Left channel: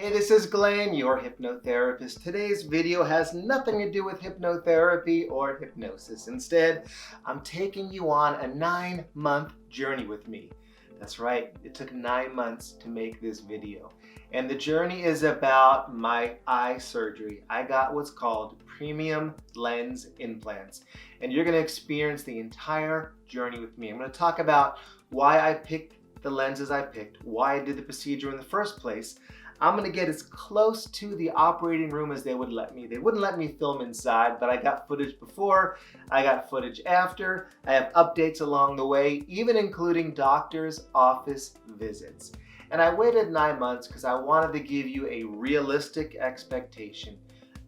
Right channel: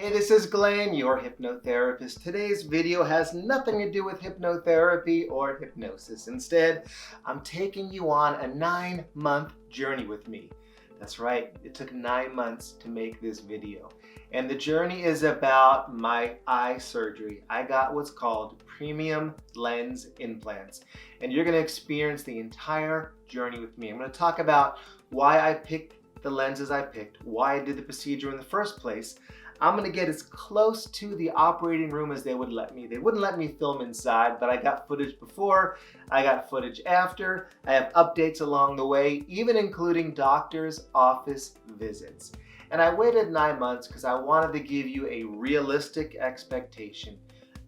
Hey, this is Glenn, your hypnotherapist. Today's video has nothing to do with hypnotherapy or hypnosis. Instead, I'm taking you on a 9-month journey with me. That's right, it took 9 months to make this video. And the journey is about my eye surgery. I got what's called Premium Lens Implants. And you're going to experience the entire journey with me. I'm going to talk about why I picked the lenses I picked, why I did the procedure in the first place. I'm going to get as close to the operating room as they would let me. They wouldn't let me film inside, but I got footage before, I got footage after, I have updates along the way, even including doctor's office visits. And I waited 9 months because I wanted to give you a realistic expectation,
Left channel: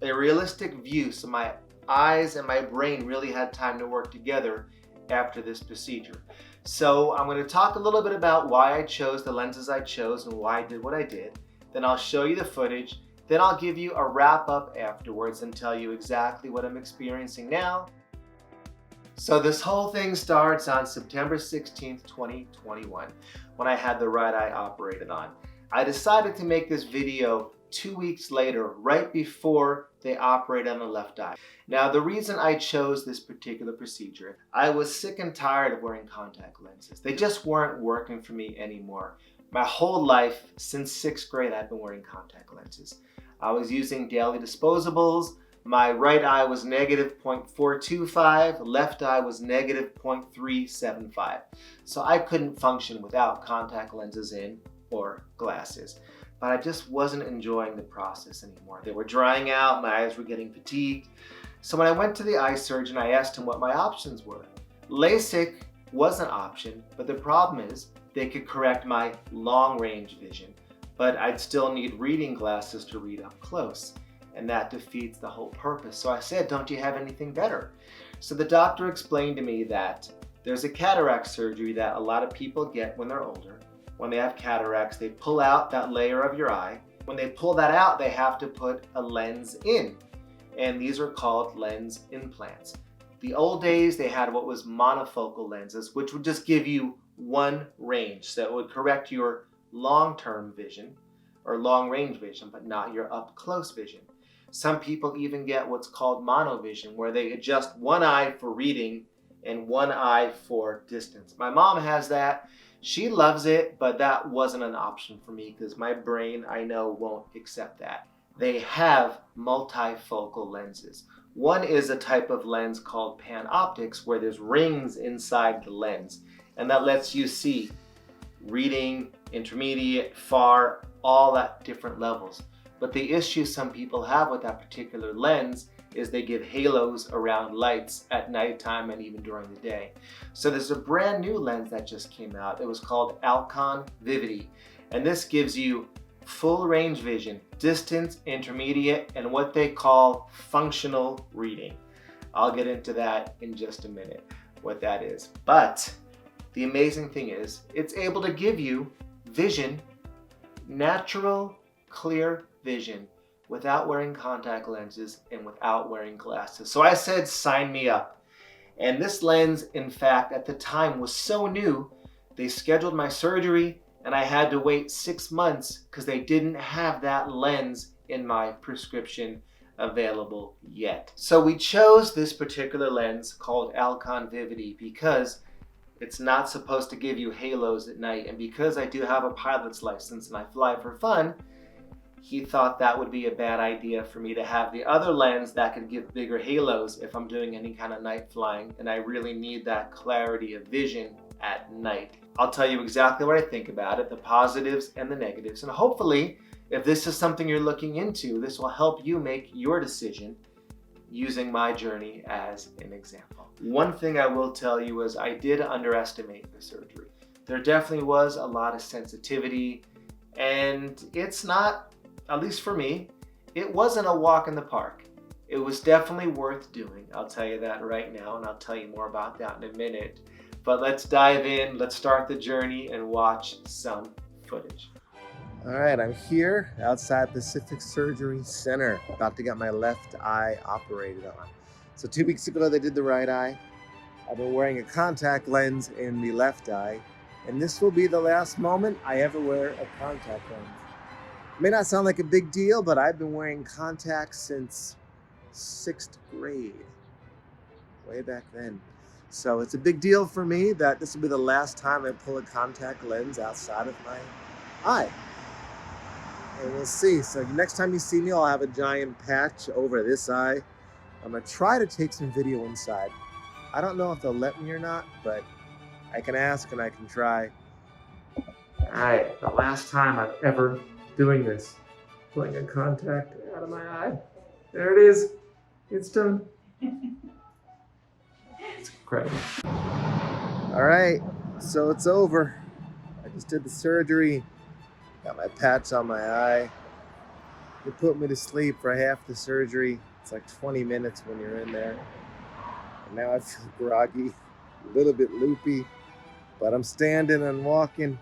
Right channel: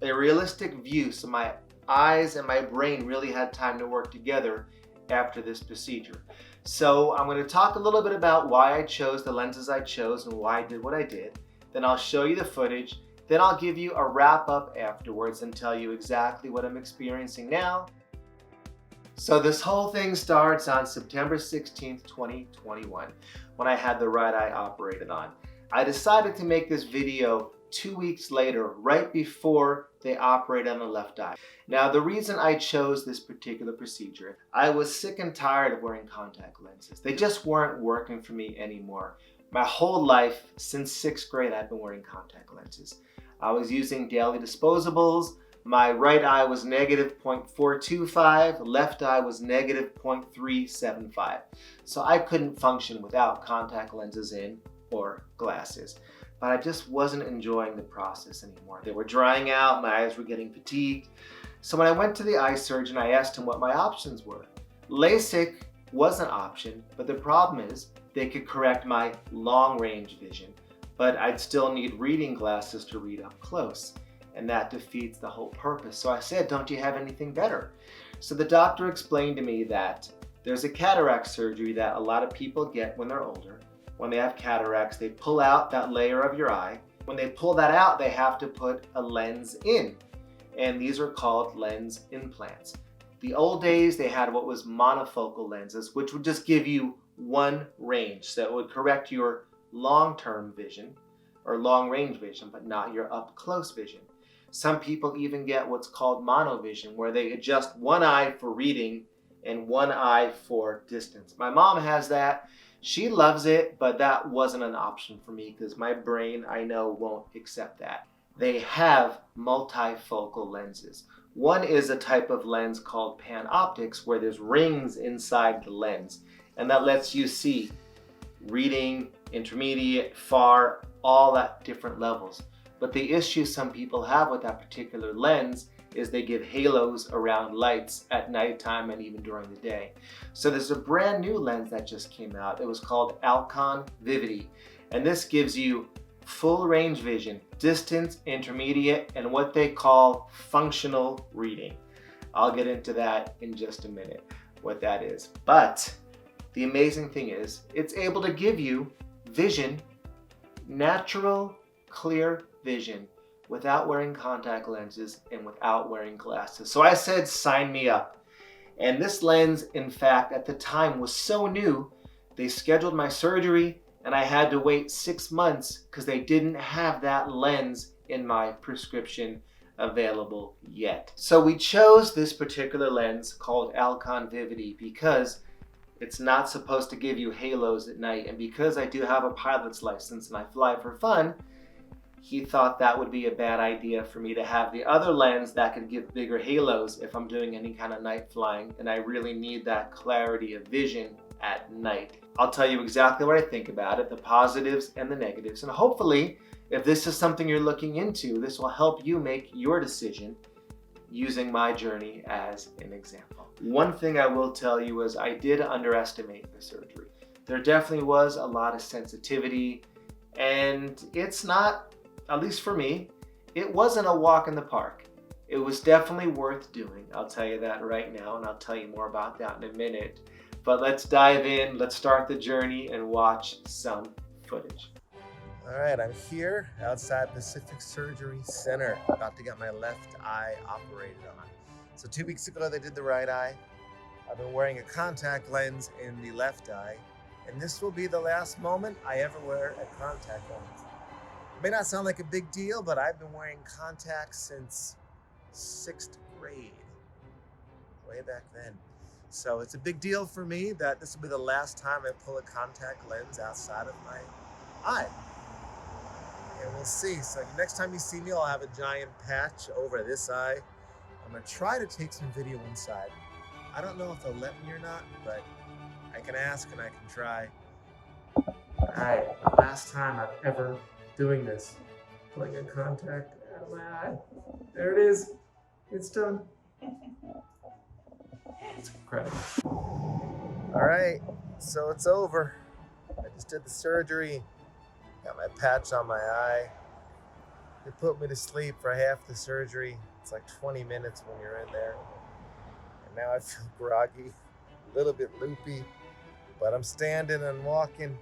a realistic view, so my eyes and my brain really had time to work together after this procedure. So I'm going to talk a little bit about why I chose the lenses I chose and why I did what I did. Then I'll show you the footage. Then I'll give you a wrap up afterwards and tell you exactly what I'm experiencing now. So this whole thing starts on September 16th, 2021, when I had the right eye operated on. I decided to make this video 2 weeks later, right before they operate on the left eye. Now, the reason I chose this particular procedure, I was sick and tired of wearing contact lenses. They just weren't working for me anymore. My whole life, since 6th grade, I've been wearing contact lenses. I was using daily disposables. My right eye was negative 0.425, left eye was negative 0.375. So I couldn't function without contact lenses in or glasses. But I just wasn't enjoying the process anymore. They were drying out, my eyes were getting fatigued. So when I went to the eye surgeon, I asked him what my options were. LASIK was an option, but the problem is they could correct my long range vision, but I'd still need reading glasses to read up close, and that defeats the whole purpose. So I said, don't you have anything better? So the doctor explained to me that there's a cataract surgery that a lot of people get when they're older. When they have cataracts, they pull out that layer of your eye. When they pull that out, they have to put a lens in, and these are called lens implants. The old days, they had what was monofocal lenses, which would just give you one range. So it would correct your long-term vision or long-range vision, but not your up-close vision. Some people even get what's called monovision, where they adjust one eye for reading and one eye for distance. My mom has that. She loves it, but that wasn't an option for me because my brain, I know, won't accept that. They have multifocal lenses. One is a type of lens called panoptics, where there's rings inside the lens, and that lets you see reading, intermediate, far, all at different levels. But the issue some people have with that particular lens is they give halos around lights at nighttime and even during the day. So there's a brand new lens that just came out. It was called Alcon Vivity, and this gives you full range vision, distance, intermediate, and what they call functional reading. I'll get into that in just a minute, what that is. But the amazing thing is, it's able to give you vision, natural, clear vision, without wearing contact lenses and without wearing glasses. So I said, sign me up. And this lens, in fact, at the time was so new, they scheduled my surgery and I had to wait 6 months because they didn't have that lens in my prescription available yet. So we chose this particular lens called Alcon Vivity because it's not supposed to give you halos at night, and because I do have a pilot's license and I fly for fun, he thought that would be a bad idea for me to have the other lens that could give bigger halos if I'm doing any kind of night flying, and I really need that clarity of vision at night. I'll tell you exactly what I think about it, the positives and the negatives, and hopefully, if this is something you're looking into, this will help you make your decision using my journey as an example. One thing I will tell you is I did underestimate the surgery. There definitely was a lot of sensitivity, and it's not, at least for me, it wasn't a walk in the park. It was definitely worth doing. I'll tell you that right now, and I'll tell you more about that in a minute. But let's dive in, let's start the journey and watch some footage. All right, I'm here outside Pacific Surgery Center, about to get my left eye operated on. So 2 weeks ago, they did the right eye. I've been wearing a contact lens in the left eye, and this will be the last moment I ever wear a contact lens. May not sound like a big deal, but I've been wearing contacts since 6th grade, way back then. So it's a big deal for me that this will be the last time I pull a contact lens outside of my eye. And we'll see. So next time you see me, I'll have a giant patch over this eye. I'm gonna try to take some video inside. I don't know if they'll let me or not, but I can ask and I can try. All right, the last time I'm ever doing this, pulling a contact out of my eye. There it is. It's done. It's incredible. All right, so it's over. I just did the surgery. Got my patch on my eye. They put me to sleep for half the surgery. It's like 20 minutes when you're in there. And now I feel groggy, a little bit loopy, but I'm standing and walking.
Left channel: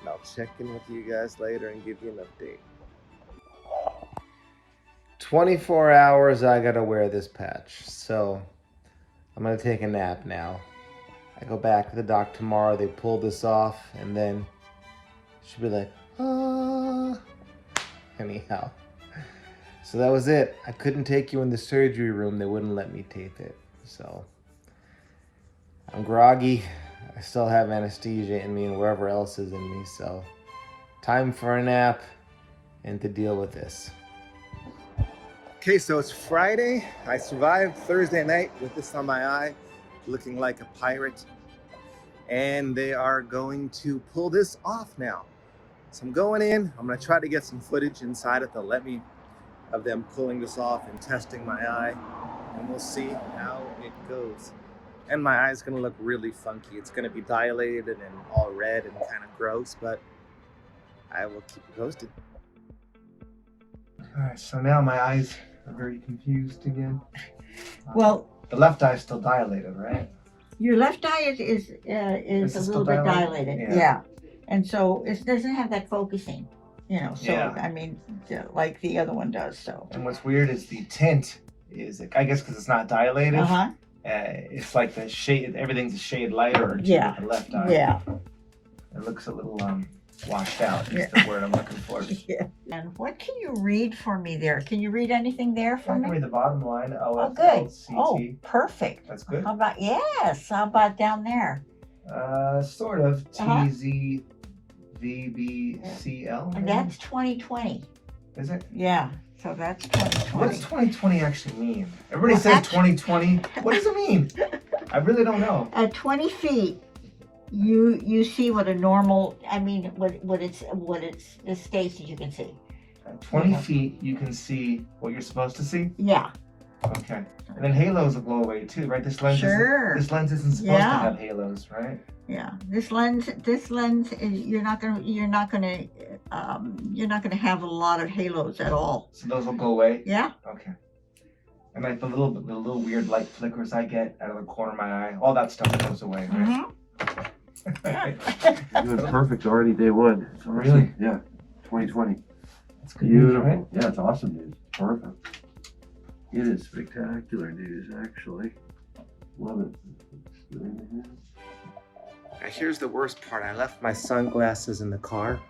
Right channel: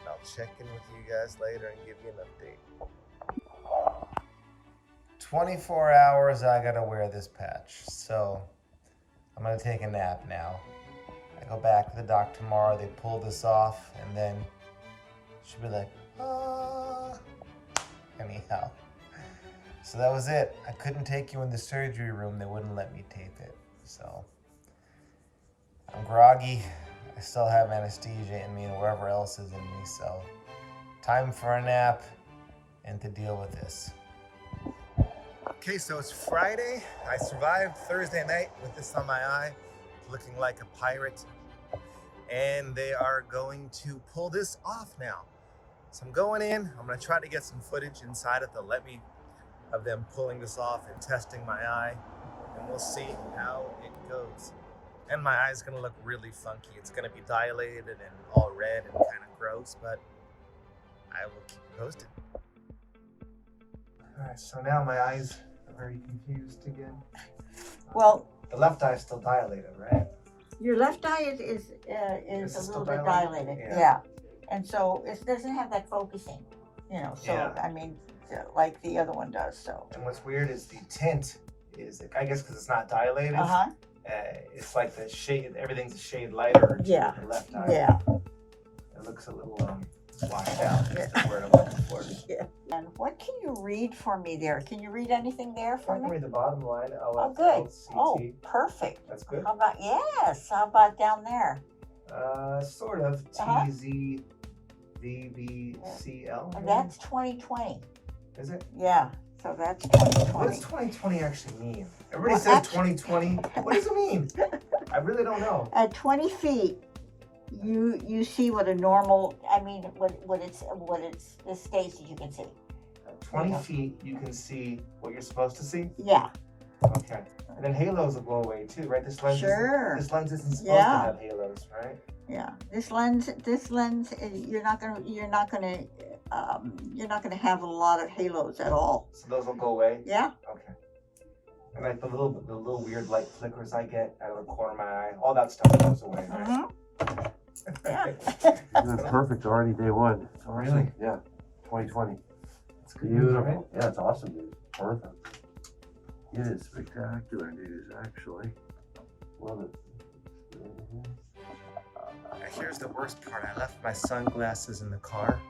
And I'll check in with you guys later and give you an update. 24 hours I gotta wear this patch, so I'm gonna take a nap now. I go back to the doc tomorrow, they pull this off, and then she'll be like, ah. Anyhow, so that was it. I couldn't take you in the surgery room, they wouldn't let me tape it. So I'm groggy, I still have anesthesia in me and wherever else is in me, so time for a nap and to deal with this. Okay, so it's Friday. I survived Thursday night with this on my eye, looking like a pirate. And they are going to pull this off now. So I'm going in, I'm gonna try to get some footage inside if they'll let me, of them pulling this off and testing my eye. And we'll see how it goes. And my eye's gonna look really funky. It's gonna be dilated and all red and kind of gross, but I will keep you posted. All right, so now my eyes are very confused again. Well, the left eye is still dilated, right? your left eye is a little bit dilated. Yeah. And so it doesn't have that focusing, you know, so yeah. I mean, like the other one does, so. And what's weird is the tint is, I guess because it's not dilated, it's like the shade, everything's a shade lighter to the left eye. Yeah. It looks a little washed out is the word I'm looking for. Yeah. And what can you read for me there? Can you read anything there for me? I can read the bottom line. Oh, good. Oh, perfect. That's good. How about, yes, how about down there? Sort of. TZVBCL. And that's 2020. Is it? Yeah. So that's 2020. What does 2020 actually mean? Everybody says 2020. What does it mean? I really don't know. At 20 feet, you see what a normal, I mean, what it's the states that you can see. At 20 feet, you can see what you're supposed to see? Yeah. Okay. And then halos will go away too, right? This lens isn't supposed to have halos, right? Yeah. This lens is, you're not gonna have a lot of halos at all. So those will go away? Yeah. Okay. And like the little weird light flickers I get out of the corner of my eye, all that stuff goes away, right? Mm-hmm. You're doing perfect already day one. Awesome. Really? Yeah. 2020. That's good news, right? Yeah, it's awesome news. Perfect. It is spectacular news, actually. Love it. Here's the worst part. I left my sunglasses in the car.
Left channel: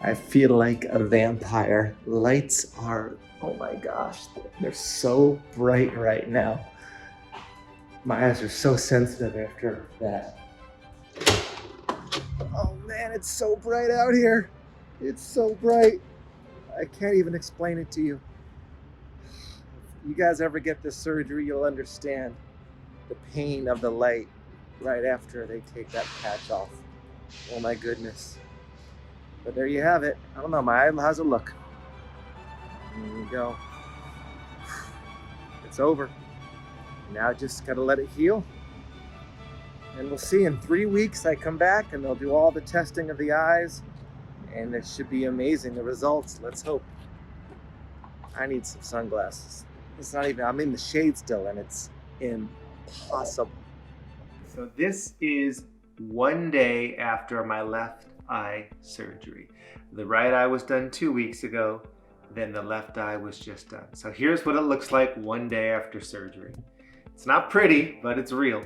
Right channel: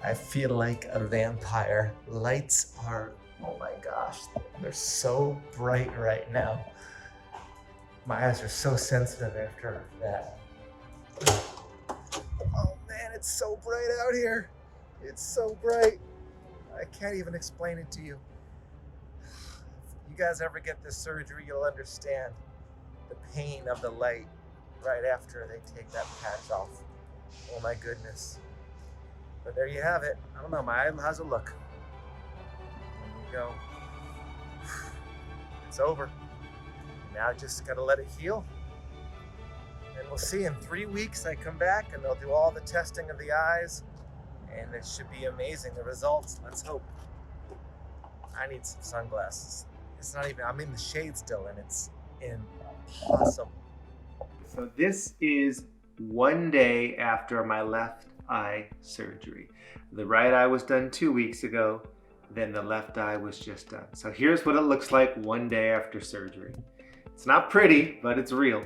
I feel like a vampire. Lights are, oh my gosh, they're so bright right now. My eyes are so sensitive after that. Oh man, it's so bright out here. It's so bright. I can't even explain it to you. If you guys ever get this surgery, you'll understand the pain of the light right after they take that patch off. Oh my goodness. But there you have it. I don't know, my eye, how's it look? There you go. It's over. Now just gotta let it heal. And we'll see, in 3 weeks I come back and they'll do all the testing of the eyes and it should be amazing, the results, let's hope. I need some sunglasses. It's not even, I'm in the shade still and it's impossible. So this is 1 day after my left eye surgery. The right eye was done 2 weeks ago, then the left eye was just done. So here's what it looks like 1 day after surgery. It's not pretty, but it's real.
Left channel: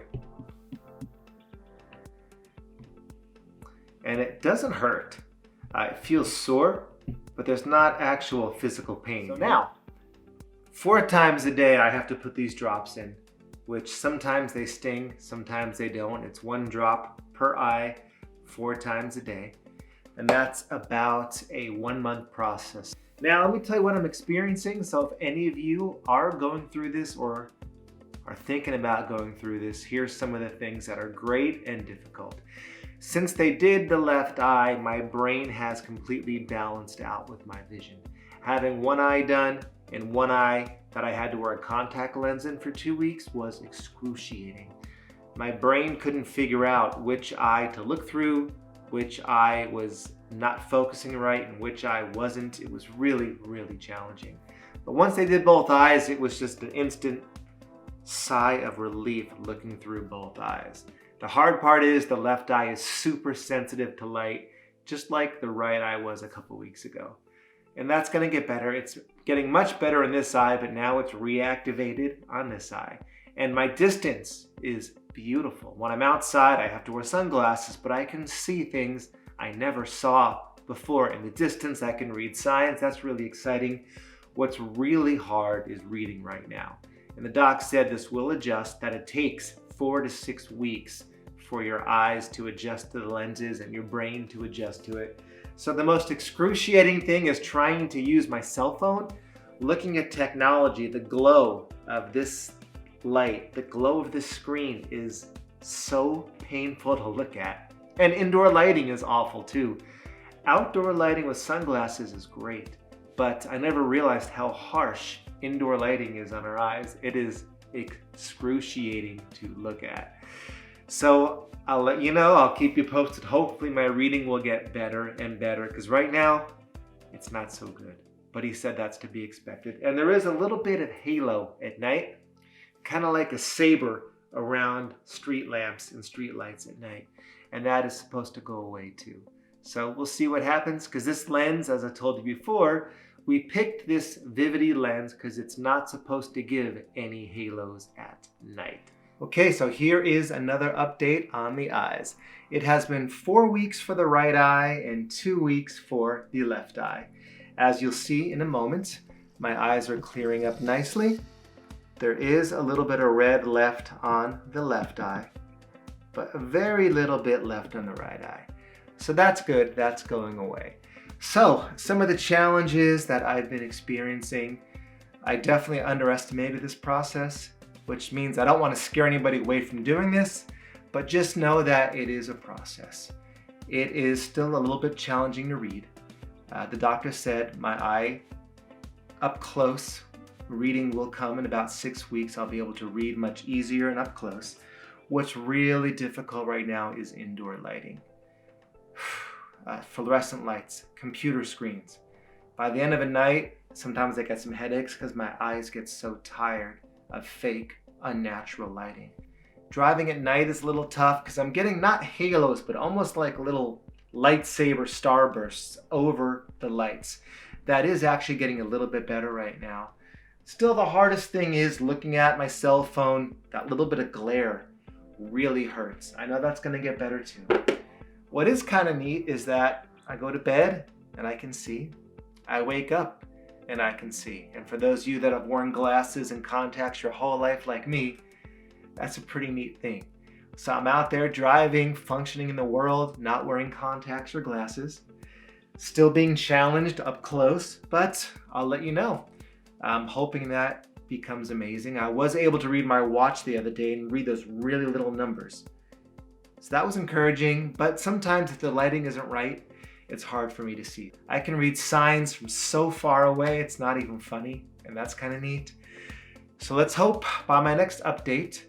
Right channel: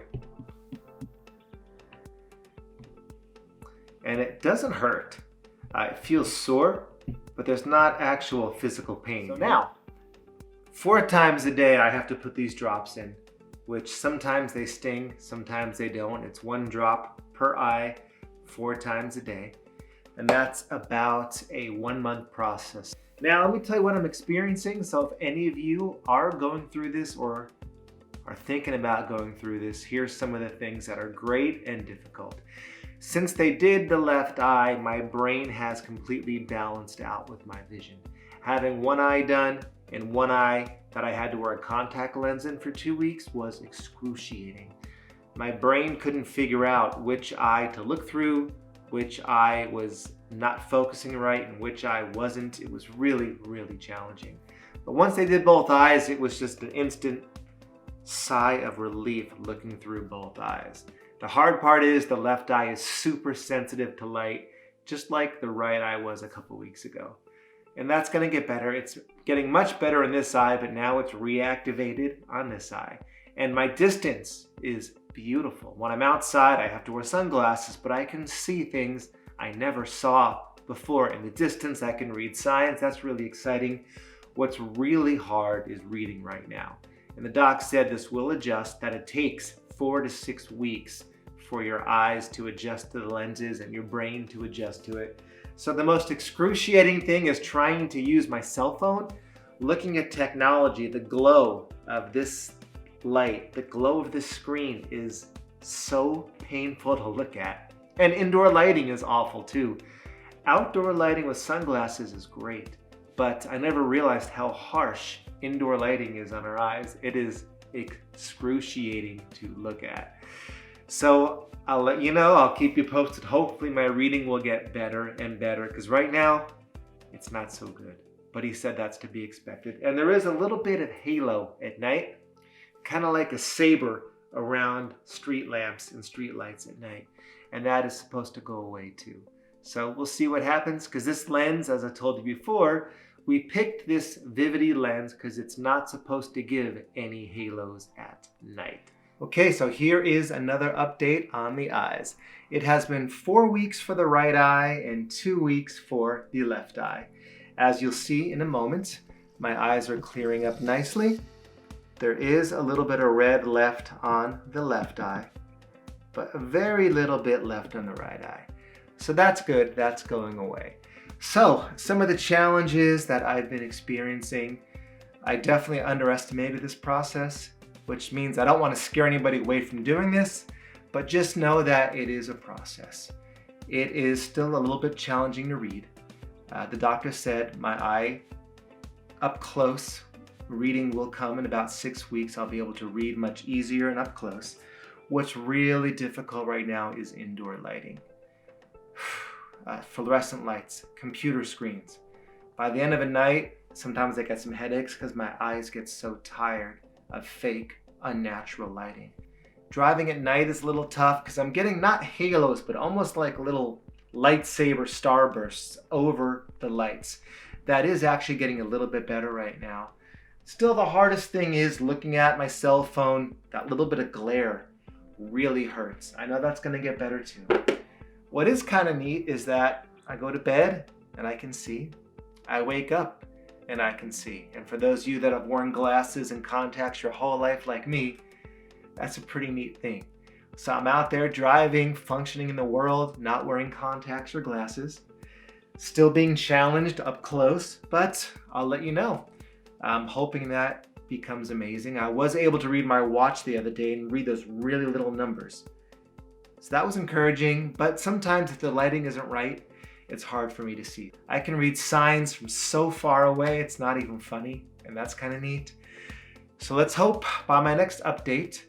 And it doesn't hurt. It feels sore, but there's not actual physical pain. So now, 4 times a day I have to put these drops in, which sometimes they sting, sometimes they don't. It's 1 drop per eye, 4 times a day. And that's about a 1-month process. Now let me tell you what I'm experiencing. So if any of you are going through this or are thinking about going through this, here's some of the things that are great and difficult. Since they did the left eye, my brain has completely balanced out with my vision. Having 1 eye done and 1 eye that I had to wear a contact lens in for 2 weeks was excruciating. My brain couldn't figure out which eye to look through, which eye was not focusing right and which eye wasn't. It was really, really challenging. But once they did both eyes, it was just an instant sigh of relief looking through both eyes. The hard part is the left eye is super sensitive to light, just like the right eye was a couple weeks ago. And that's gonna get better. It's getting much better in this eye, but now it's reactivated on this eye. And my distance is beautiful. When I'm outside, I have to wear sunglasses, but I can see things I never saw before. In the distance, I can read signs. That's really exciting. What's really hard is reading right now. And the doc said this will adjust, that it takes 4 to 6 weeks for your eyes to adjust to the lenses and your brain to adjust to it. So the most excruciating thing is trying to use my cell phone, looking at technology. The glow of this light, the glow of this screen is so painful to look at. And indoor lighting is awful too. Outdoor lighting with sunglasses is great, but I never realized how harsh indoor lighting is on our eyes. It is excruciating to look at. So I'll let you know, I'll keep you posted. Hopefully my reading will get better and better, because right now it's not so good. But he said that's to be expected. And there is a little bit of halo at night, kind of like a saber around street lamps and street lights at night. And that is supposed to go away too. So we'll see what happens, because this lens, as I told you before, we picked this Vivity lens because it's not supposed to give any halos at night. Okay, so here is another update on the eyes. It has been 4 weeks for the right eye and 2 weeks for the left eye. As you'll see in a moment, my eyes are clearing up nicely. There is a little bit of red left on the left eye, but a very little bit left on the right eye. So that's good, that's going away. So some of the challenges that I've been experiencing, I definitely underestimated this process, which means I don't want to scare anybody away from doing this, but just know that it is a process. It is still a little bit challenging to read. The doctor said my eye up close reading will come in about 6 weeks. I'll be able to read much easier and up close. What's really difficult right now is indoor lighting. Fluorescent lights, computer screens. By the end of the night, sometimes I get some headaches because my eyes get so tired of fake, unnatural lighting. Driving at night is a little tough because I'm getting not halos, but almost like little lightsaber starbursts over the lights. That is actually getting a little bit better right now. Still, the hardest thing is looking at my cell phone. That little bit of glare really hurts. I know that's going to get better too. What is kind of neat is that I go to bed and I can see. I wake up and I can see. And for those of you that have worn glasses and contacts your whole life like me, that's a pretty neat thing. So I'm out there driving, functioning in the world, not wearing contacts or glasses, still being challenged up close, but I'll let you know. I'm hoping that becomes amazing. I was able to read my watch the other day and read those really little numbers. So that was encouraging, but sometimes if the lighting isn't right, it's hard for me to see. I can read signs from so far away, it's not even funny, and that's kind of neat. So let's hope by my next update,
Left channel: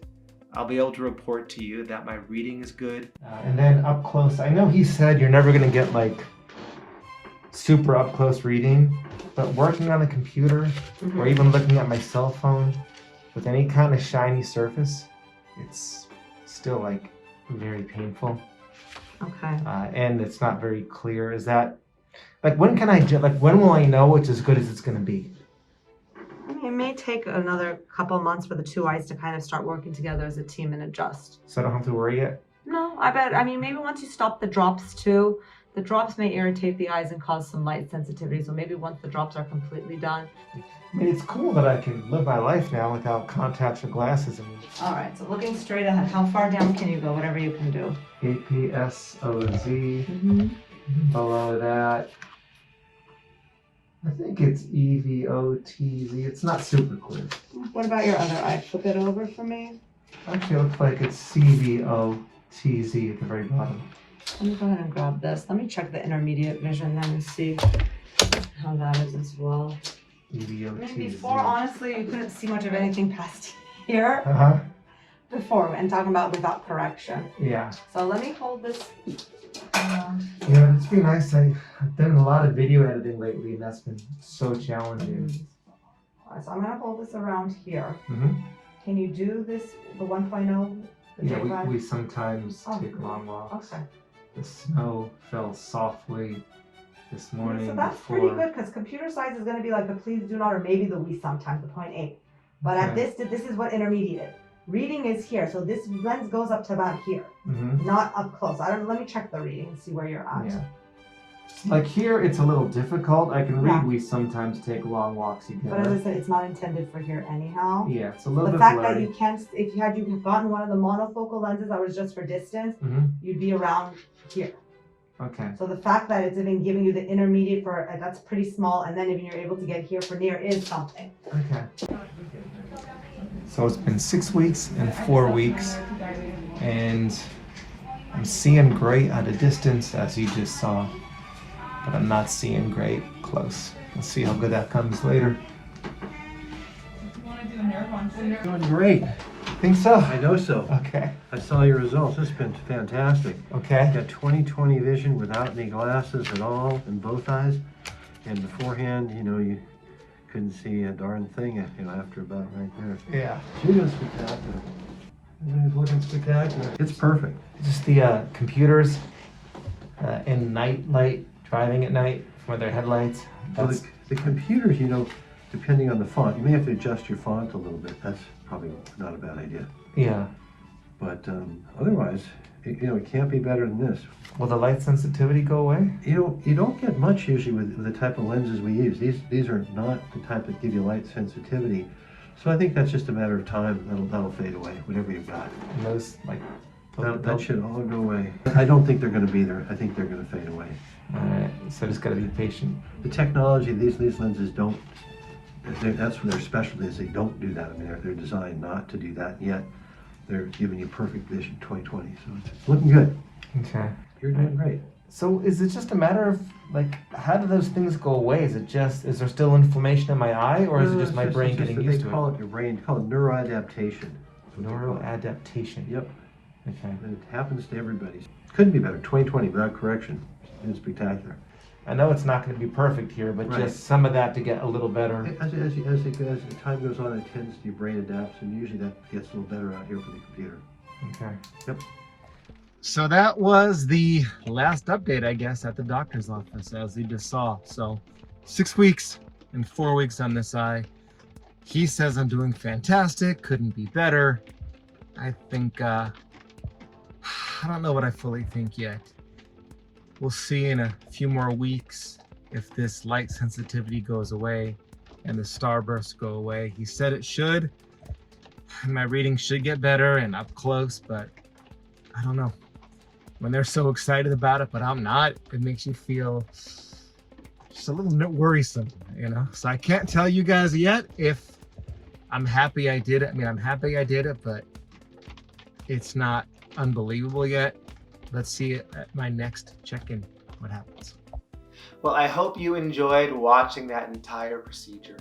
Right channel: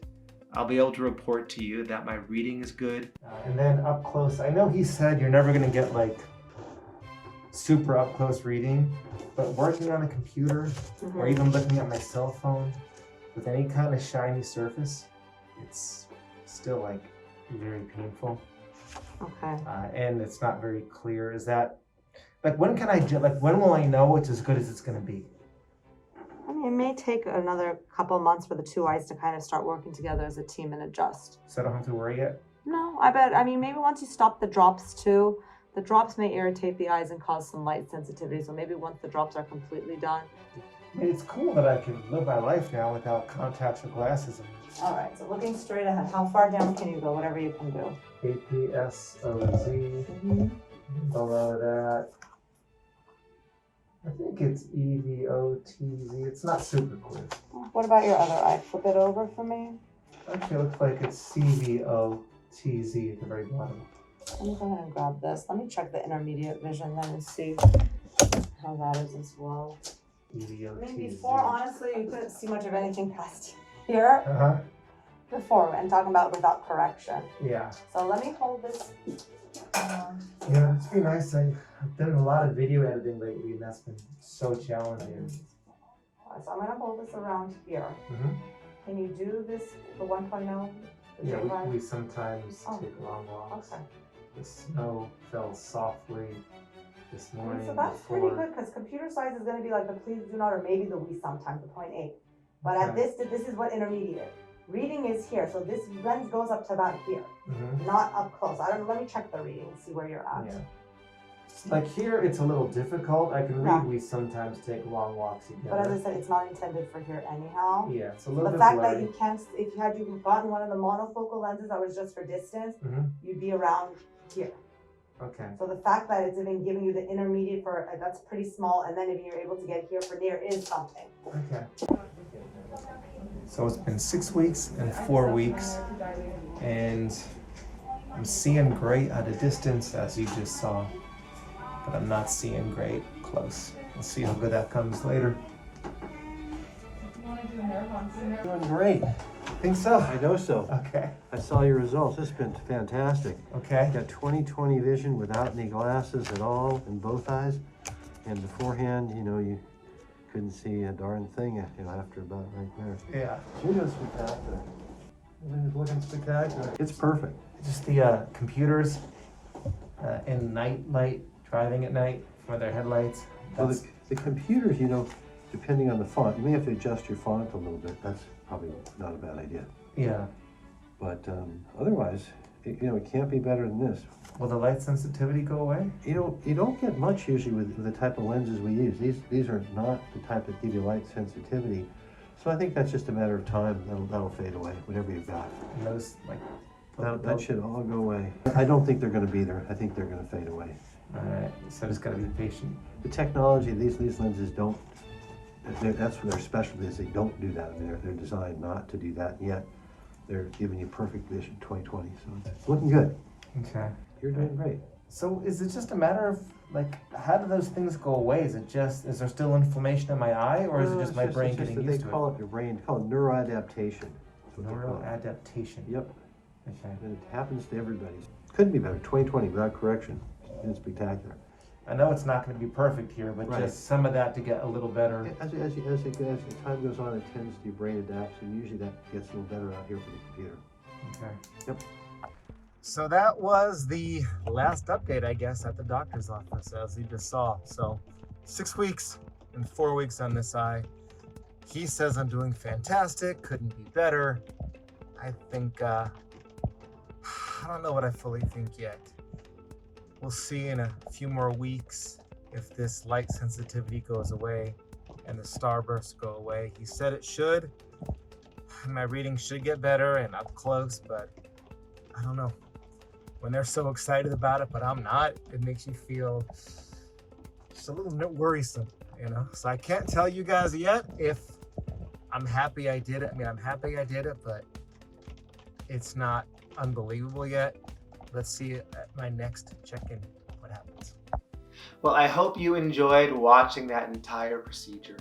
I'll be able to report to you that my reading is good. And then up close, I know he said you're never gonna get like super up close reading, but working on a computer or even looking at my cell phone with any kind of shiny surface, it's still like very painful. Okay. And it's not very clear. Is that, like, when can I, like, when will I know it's as good as it's gonna be? I mean, it may take another couple of months for the two eyes to kind of start working together as a team and adjust. So I don't have to worry yet? No, I bet. I mean, maybe once you stop the drops too, The drops may irritate the eyes and cause some light sensitivity, so maybe once the drops are completely done. I mean, it's cool that I can live my life now without contacts or glasses. All right, so looking straight ahead, how far down can you go? Whatever you can do. APSOZ. Fall out of that. I think it's EVOTZ. It's not super clear. What about your other eye? Flip it over for me. Actually, it looks like it's CVOTZ at the very bottom. Let me go ahead and grab this. Let me check the intermediate vision then and see how that is as well. EVOTZ. I mean, before, honestly, you couldn't see much of anything past here. Before, and talking about without correction. Yeah. So let me hold this. Yeah, it's been nice. I've done a lot of video editing lately, and that's been so challenging. So I'm gonna hold this around here. Can you do this, the 1.0? Yeah, we sometimes take long walks. Okay. The snow fell softly this morning. So that's pretty good, because computer science is gonna be like the please do not, or maybe the we sometimes, the 0.8. But at this is what intermediate. Reading is here, so this lens goes up to about here, not up close. Let me check the reading and see where you're at. Yeah. Like here, it's a little difficult. I can read. We sometimes take long walks together. But as I said, it's not intended for here anyhow. Yeah, it's a little bit blurry. The fact blurry. that you can't, if you gotten one of the monofocal lenses that was just for distance, you'd be around here. Okay. So the fact that it's even giving you the intermediate for that's pretty small, and then if you're able to get here for near is something. Okay. So it's been 6 weeks and 4 weeks, and I'm seeing great at a distance, as you just saw, but I'm not seeing great close. We'll see how good that comes later. Doing great. Think so? I know so. Okay. I saw your results. It's been fantastic. Okay. You got 20/20 vision without any glasses at all in both eyes. And beforehand, you know, you couldn't see a darn thing, after about right there. Yeah. You're doing spectacular. Everything's looking spectacular. It's perfect. Just the computers and night light, driving at night with their headlights. Well, the computers, you know, depending on the font, you may have to adjust your font a little bit. That's probably not a bad idea. Yeah. But otherwise, it can't be better than this. Will the light sensitivity go away? You don't get much usually with the type of lenses we use. These are not the type that give you light sensitivity. So I think that's just a matter of time. That'll fade away, whatever you've got. And those, like... That should all go away. I don't think they're going to be there. I think they're going to fade away. Alright, so just got to be patient. The technology, these lenses don't, that's what their specialty is. They don't do that. I mean, they're designed not to do that, yet they're giving you perfect vision 20/20. So it's looking good. Okay. You're doing great. So is it just a matter of, like, how do those things go away? Is there still inflammation in my eye, or is it just my brain getting used to it? They call it your brain, they call it neuroadaptation. Neuroadaptation. Yep. Okay. And it happens to everybody. Couldn't be better. 20/20 without correction. It's spectacular. I know it's not going to be perfect here, but just some of that to get a little better. As the time goes on, your brain adapts, and usually that gets a little better out here for the computer. Okay. Yep. So that was the last update, I guess, at the doctor's office, as you just saw. So 6 weeks and 4 weeks on this eye. He says I'm doing fantastic, couldn't be better. I think, I don't know what I fully think yet. We'll see in a few more weeks if this light sensitivity goes away and the starbursts go away. He said it should. My reading should get better and up close, but I don't know. When they're so excited about it, but I'm not, it makes you feel just a little bit worrisome, you know? So I can't tell you guys yet if I'm happy I did it. I mean, I'm happy I did it, but it's not unbelievable yet. Let's see at my next check-in what happens. Well, I hope you enjoyed watching that entire procedure.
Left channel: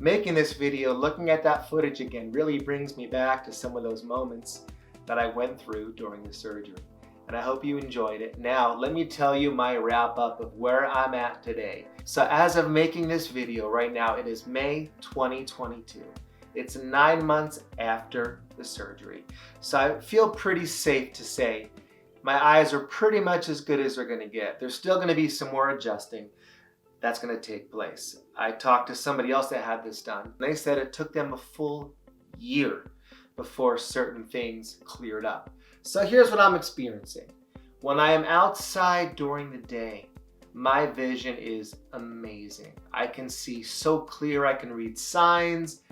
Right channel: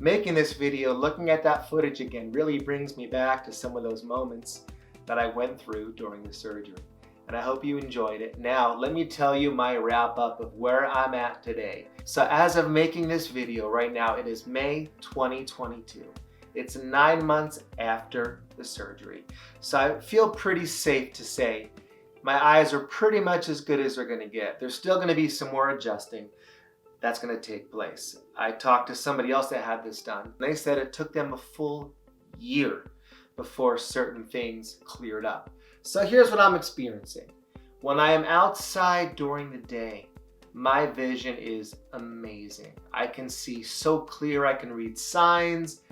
Making this video, looking at that footage again, really brings me back to some of those moments that I went through during the surgery. And I hope you enjoyed it. Now, let me tell you my wrap up of where I'm at today. So as of making this video right now, it is May 2022. It's 9 months after the surgery. So I feel pretty safe to say my eyes are pretty much as good as they're gonna get. There's still gonna be some more adjusting that's gonna take place. I talked to somebody else that had this done. They said it took them a full year before certain things cleared up. So here's what I'm experiencing. When I am outside during the day, my vision is amazing. I can see so clear, I can read signs.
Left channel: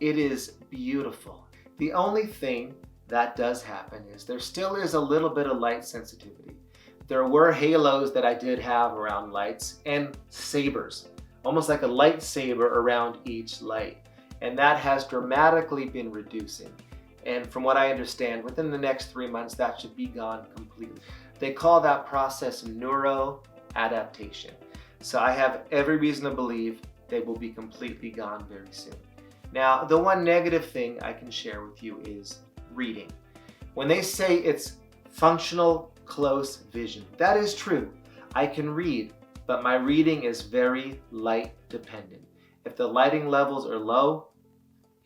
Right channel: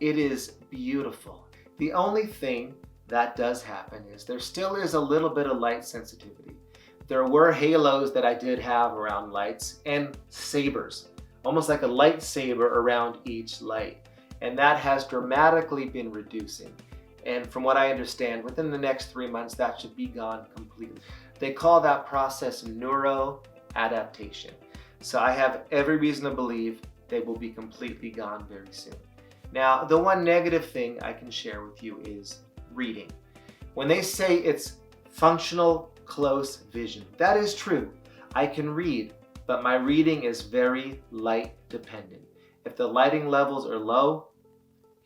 It is beautiful. The only thing that does happen is there still is a little bit of light sensitivity. There were halos that I did have around lights and sabers, almost like a lightsaber around each light. And that has dramatically been reducing. And from what I understand, within the next 3 months, that should be gone completely. They call that process neuroadaptation. So I have every reason to believe they will be completely gone very soon. Now, the one negative thing I can share with you is reading. When they say it's functional close vision, that is true. I can read, but my reading is very light dependent. If the lighting levels are low,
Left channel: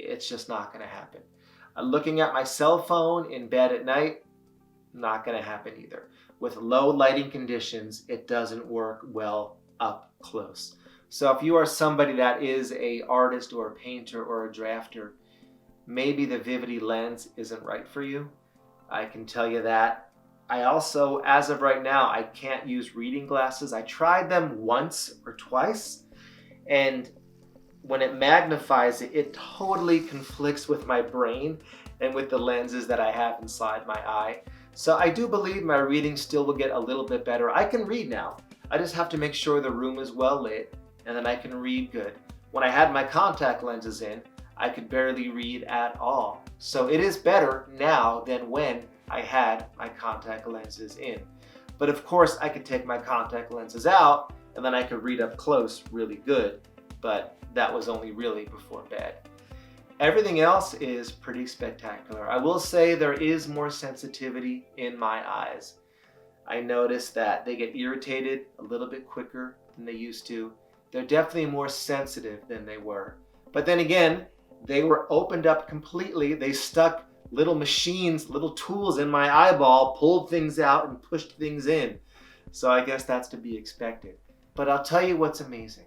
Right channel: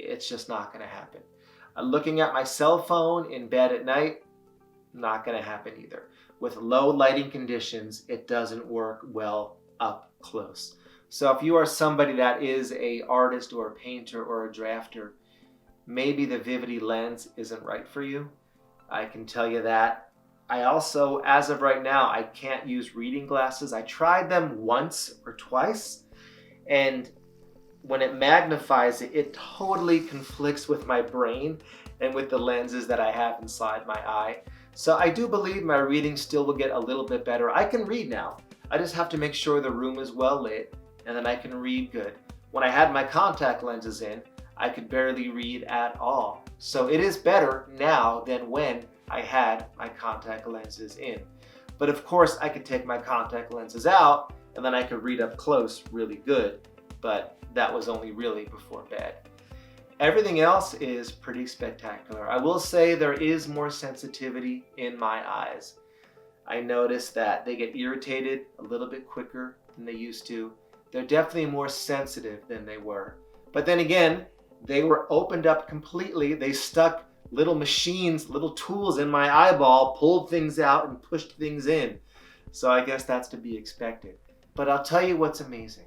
it's just not going to happen. Looking at my cell phone in bed at night, not going to happen either. With low lighting conditions, it doesn't work well up close. So if you are somebody that is an artist or a painter or a drafter, maybe the Vivity lens isn't right for you. I can tell you that. I also, as of right now, I can't use reading glasses. I tried them once or twice, and when it magnifies it, it totally conflicts with my brain and with the lenses that I have inside my eye. So I do believe my reading still will get a little bit better. I can read now. I just have to make sure the room is well lit, and then I can read good. When I had my contact lenses in, I could barely read at all. So it is better now than when I had my contact lenses in. But of course, I could take my contact lenses out, and then I could read up close really good. But that was only really before bed. Everything else is pretty spectacular. I will say there is more sensitivity in my eyes. I noticed that they get irritated a little bit quicker than they used to. They're definitely more sensitive than they were. But then again, they were opened up completely. They stuck little machines, little tools in my eyeball, pulled things out and pushed things in. So I guess that's to be expected. But I'll tell you what's amazing.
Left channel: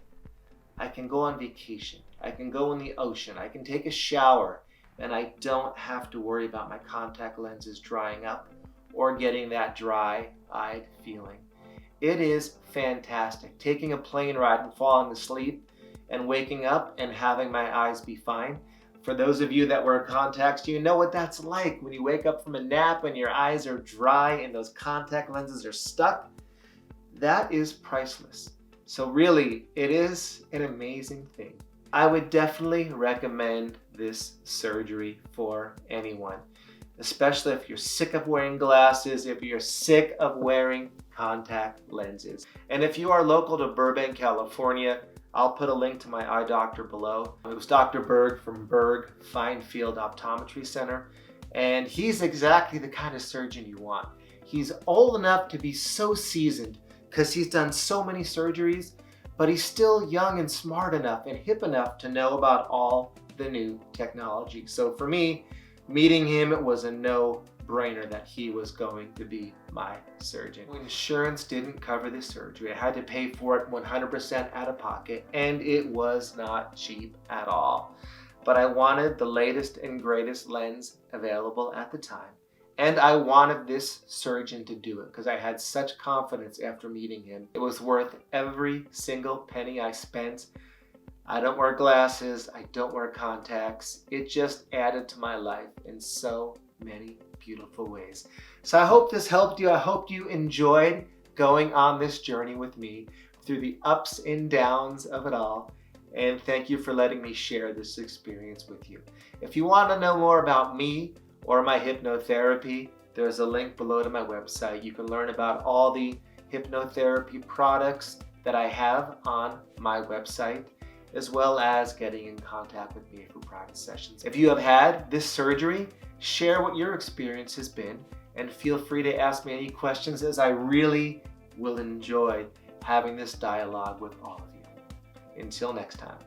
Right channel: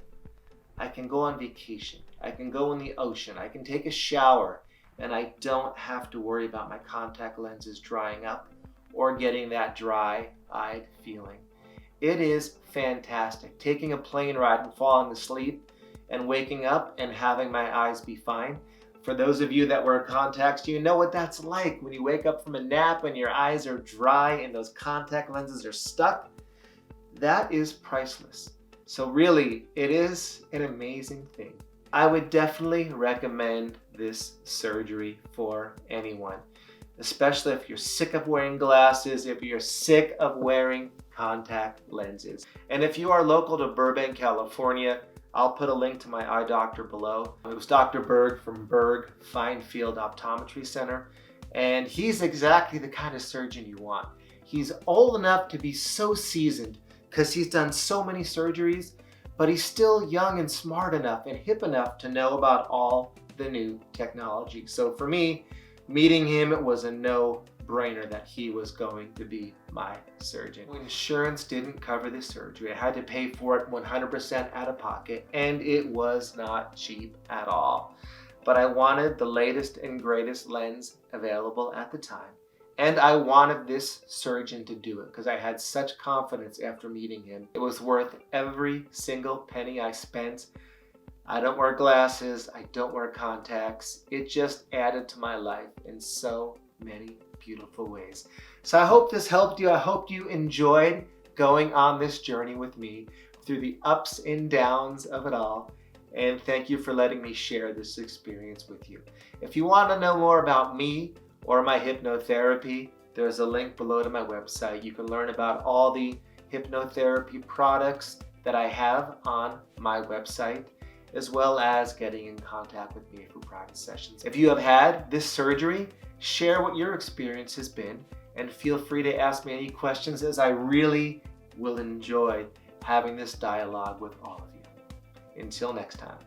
I can go on vacation. I can go in the ocean. I can take a shower, and I don't have to worry about my contact lenses drying up or getting that dry-eyed feeling. It is fantastic. Taking a plane ride and falling asleep and waking up and having my eyes be fine. For those of you that wear contacts, you know what that's like when you wake up from a nap and your eyes are dry and those contact lenses are stuck. That is priceless. So really, it is an amazing thing. I would definitely recommend this surgery for anyone, especially if you're sick of wearing glasses, if you're sick of wearing contact lenses. And if you are local to Burbank, California, I'll put a link to my eye doctor below. It was Dr. Berg from Berg Finefield Optometry Center, and he's exactly the kind of surgeon you want. He's old enough to be so seasoned because he's done so many surgeries, but he's still young and smart enough and hip enough to know about all the new technology. So for me, meeting him, it was a no-brainer that he was going to be my surgeon. Insurance didn't cover this surgery. I had to pay for it 100% out of pocket, and it was not cheap at all. But I wanted the latest and greatest lens available at the time. And I wanted this surgeon to do it because I had such confidence after meeting him. It was worth every single penny I spent. I don't wear glasses. I don't wear contacts. It just added to my life in so many beautiful ways. So I hope this helped you. I hope you enjoyed going on this journey with me through the ups and downs of it all. And thank you for letting me share this experience with you. If you want to know more about me or my hypnotherapy, there's a link below to my website. You can learn about all the hypnotherapy products that I have on my website, as well as getting in contact with me for private sessions. If you have had this surgery, share what your experience has been, and feel free to ask me any questions, as I really will enjoy having this dialogue with all of you. Until next time.